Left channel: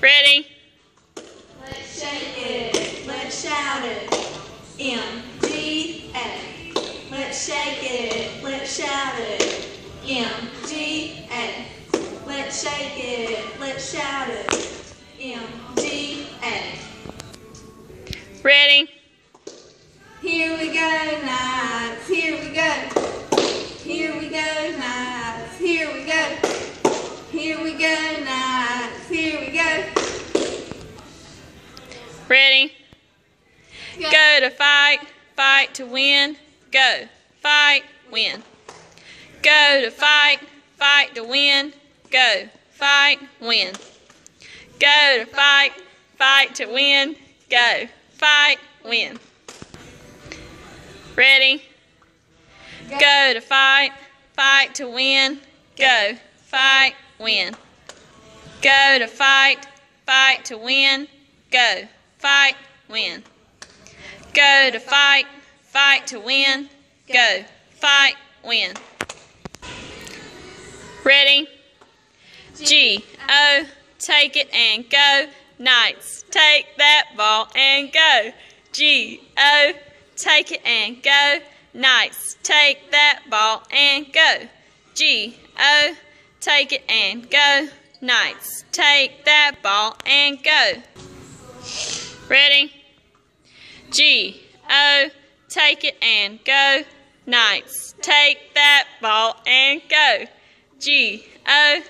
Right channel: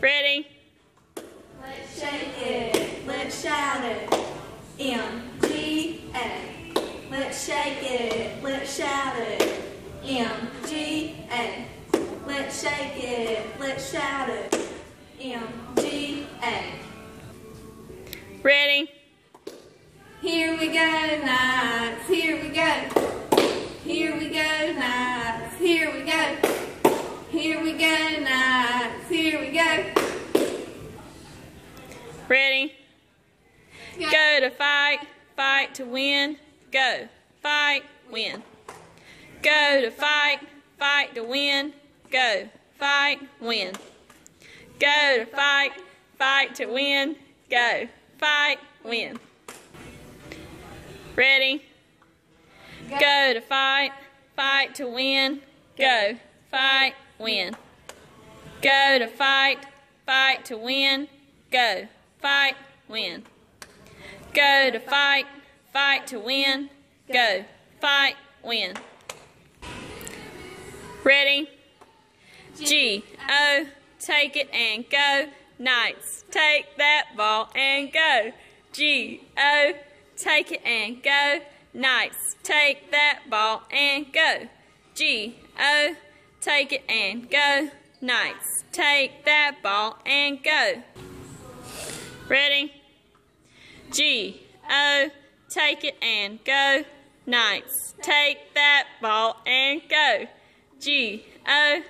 Ready? Let's shake it, let's shout it. M-G-A. Let's shake it, let's shout it. M-G-A. Let's shake it, let's shout it. M-G-A. Ready? Here we go, Knights, here we go. Here we go, Knights, here we go. Here we go, Knights, here we go. Ready? Go to fight, fight to win. Go, fight, win. Go to fight, fight to win. Go, fight, win. Go to fight, fight to win. Go, fight, win. Ready? Go to fight, fight to win. Go, fight, win. Go to fight, fight to win. Go, fight, win. Go to fight, fight to win. Go, fight, win. Ready? G-O, take it and go. Knights, take that ball and go. G-O, take it and go. Knights, take that ball and go. G-O, take it and go. Knights, take that ball and go. Ready? G-O, take it and go. Knights, take that ball and go. G-O,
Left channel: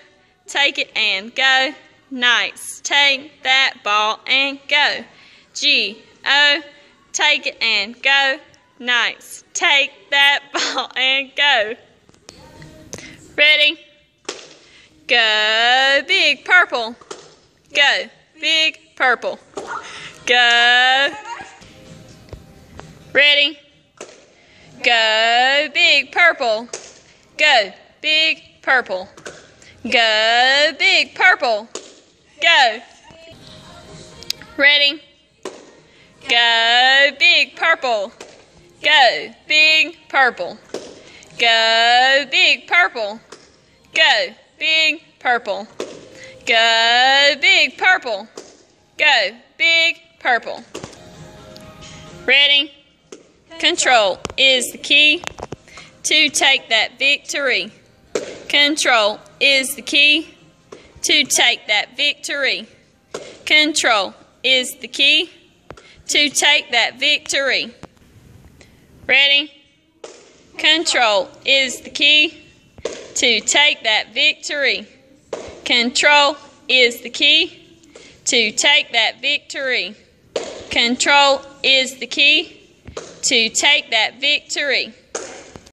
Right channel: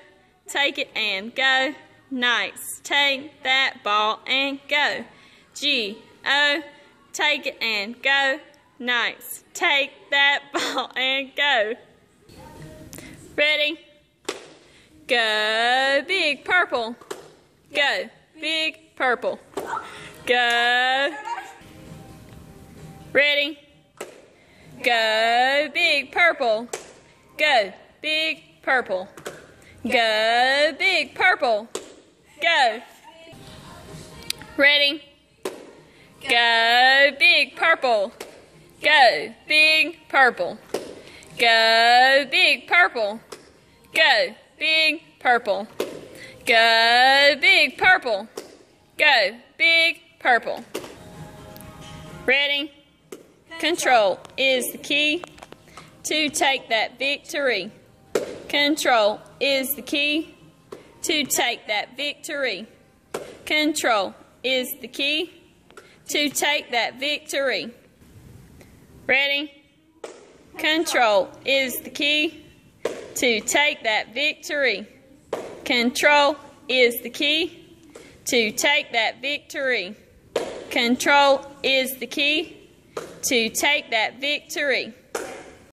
take it and go. Knights, take that ball and go. G-O, take it and go. Knights, take that ball and go. Ready? Go big purple. Go big purple. Go. Ready? Go big purple. Go big purple. Go big purple. Go. Ready? Go big purple. Go big purple. Go big purple. Go big purple. Go big purple. Go big purple. Ready? Control is the key to take that victory. Control is the key to take that victory. Control is the key to take that victory. Ready? Control is the key to take that victory. Control is the key to take that victory. Control is the key to take that victory.